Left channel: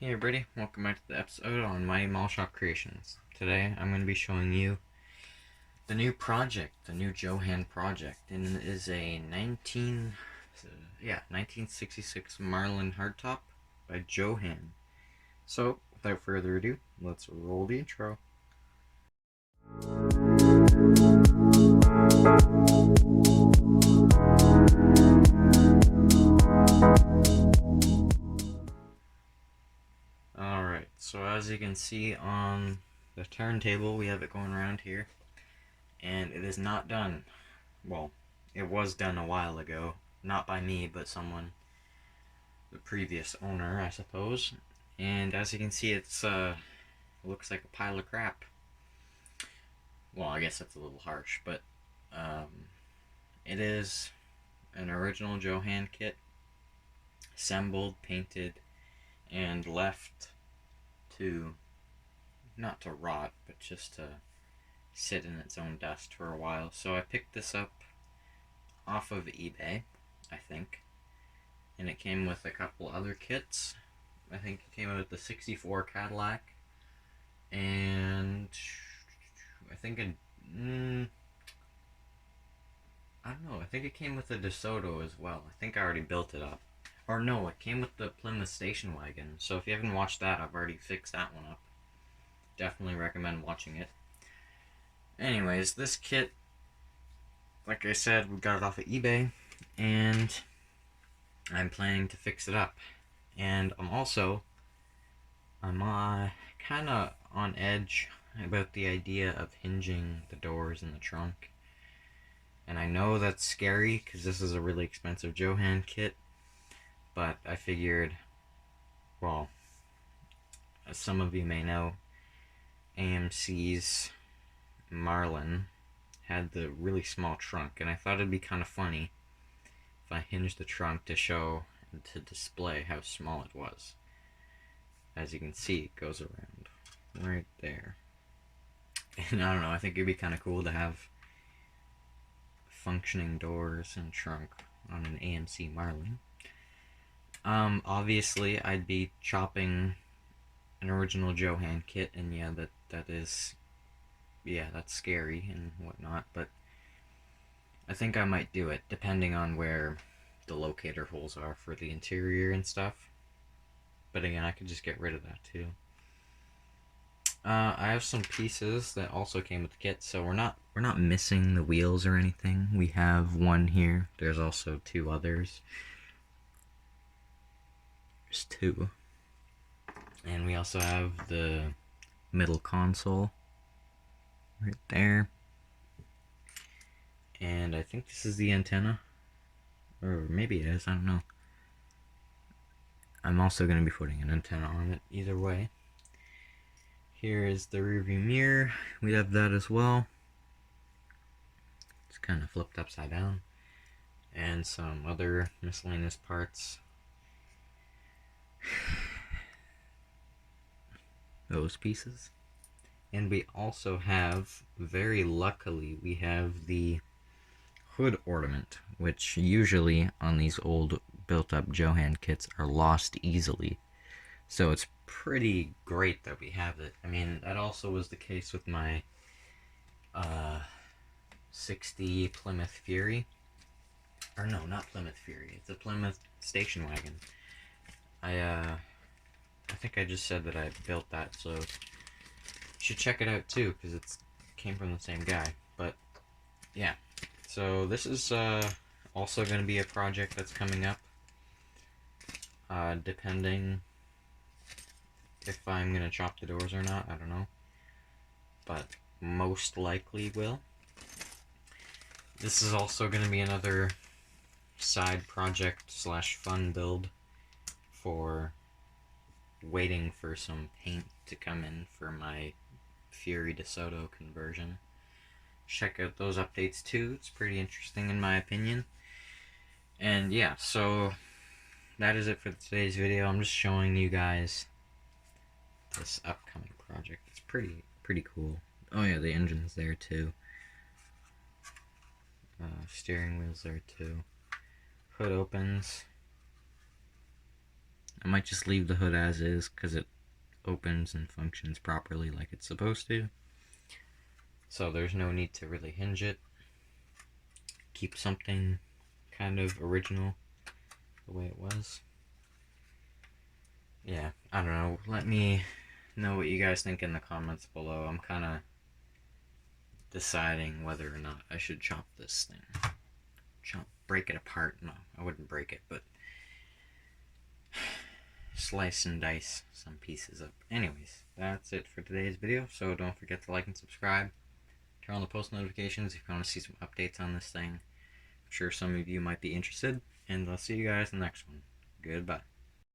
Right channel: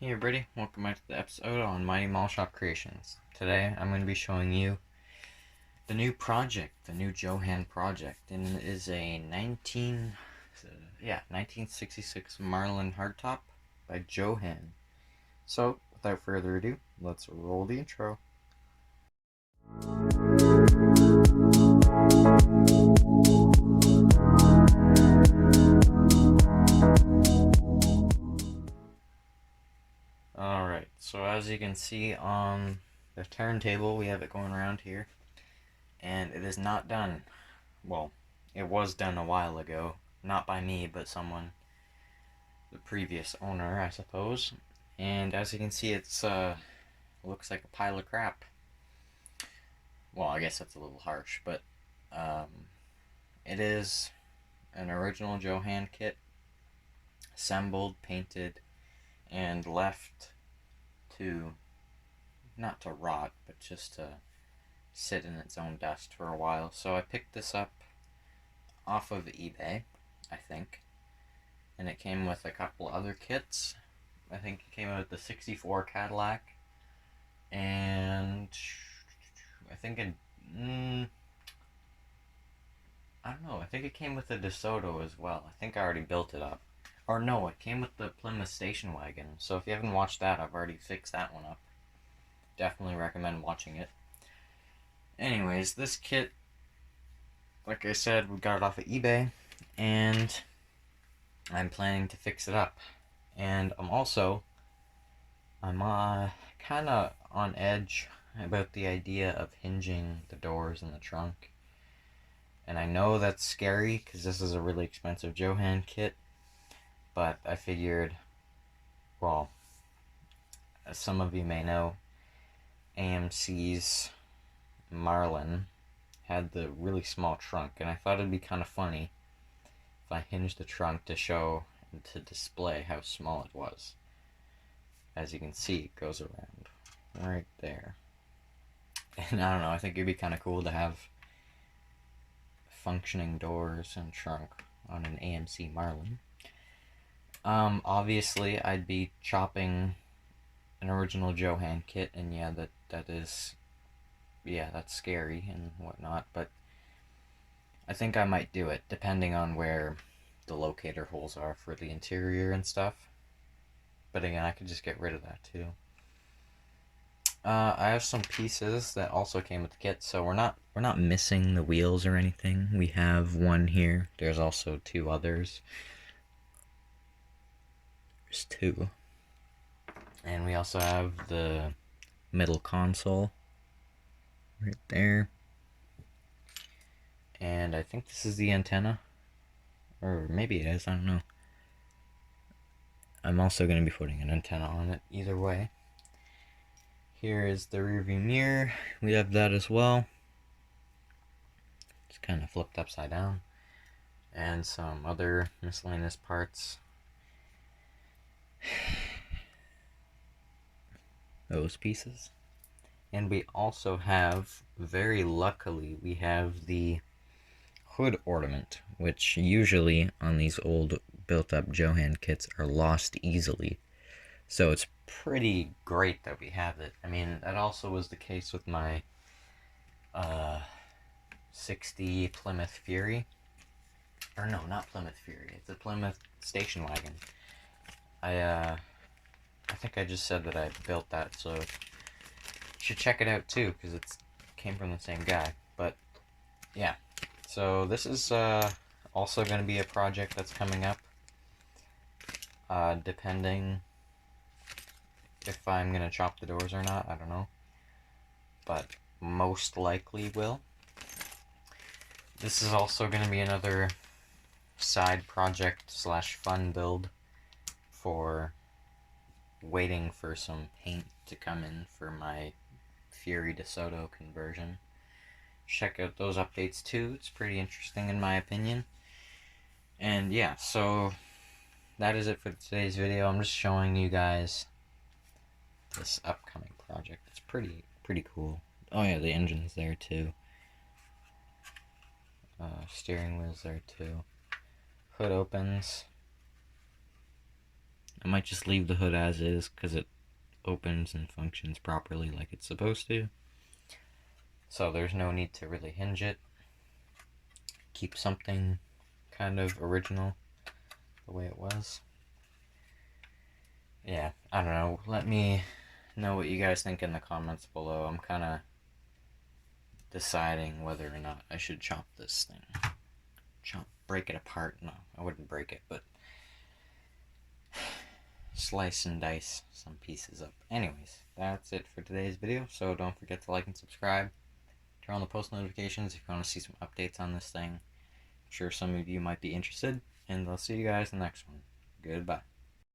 Hey everybody, welcome back to the episode on Mighty Mall Shop Creations. Today I'm going to be showing you the new project, the new Jo-Han project, and it is a 1966 Marlin hardtop by Jo-Han. So, without further ado, let's roll the intro. Alright, so as you can see on the turntable, we have it going around here, and it is not done. Well, it was done a while ago, not by me, but someone, the previous owner, I suppose. And as you can see, it's looks like a pile of crap. Well, I guess that's a little harsh, but it is an original Jo-Han kit, assembled, painted, and left to, not to rot, but just to sit in its own dust for a while. So I picked this up off of eBay, I think, and it came with a couple other kits. I think it came with the '64 Cadillac, and I think it, I don't know, I think it came with the DeSoto as well. I think I already built it up. Or no, it came with the Plymouth station wagon. So if you haven't watched that, I've already fixed that one up. Definitely recommend watching it. Anyways, this kit, like I said, we got it off of eBay, and I'm planning to fix it up. And I'm kind of on edge about the idea of hinging the doors in the trunk. And I know that's scary because this is a really expensive Jo-Han kit, but I figured, well, as some of you may know, AMC's Marlin had the really small trunk, and I thought it'd be kind of funny if I hinged the trunk to show and to display how small it was. As you can see, it goes around right there. And I don't know, I think it'd be kind of cool to have functioning doors and trunk on an AMC Marlin. Obviously, I'd be chopping an original Jo-Han kit, and yeah, that's scary and whatnot, but I think I might do it, depending on where the locator holes are for the interior and stuff. But again, I could just get rid of that too. I have some pieces that also came with the kit, so we're not missing the wheels or anything. We have one here. There's also two others. There's two. And we also have the middle console right there. And I think this is the antenna. Or maybe it is, I don't know. I'm also going to be putting an antenna on it, either way. Here is the rearview mirror. We have that as well. It's kind of flipped upside down. And some other miscellaneous parts. Those pieces. And we also have, very luckily, we have the hood ornament, which usually on these old built-up Jo-Han kits are lost easily. So it's pretty great that we have it. I mean, that also was the case with my 60 Plymouth Fury. Or no, not Plymouth Fury. It's a Plymouth station wagon. I think I just said that I built that, so you should check it out too, because it came from the same guy. But yeah, so this is also going to be a project that's coming up, depending if I'm going to chop the doors or not, I don't know, but most likely will. This is also going to be another side project slash fun build for waiting for some paint to come in for my Fury DeSoto conversion. Check out those updates too. It's pretty interesting in my opinion. And yeah, so that is it for today's video. I'm just showing you guys this upcoming project. It's pretty cool. Oh yeah, the engine's there too. Steering wheel's there too. Hood opens. I might just leave the hood as is because it opens and functions properly like it's supposed to. So there's no need to really hinge it. Keep something kind of original the way it was. Yeah, I don't know. Let me know what you guys think in the comments below. I'm kind of deciding whether or not I should chop this thing. Break it apart. No, I wouldn't break it, but slice and dice some pieces up. Anyways, that's it for today's video. So don't forget to like and subscribe. Turn on the post notifications if you want to see some updates on this thing. I'm sure some of you might be interested. And I'll see you guys in the next one. Goodbye.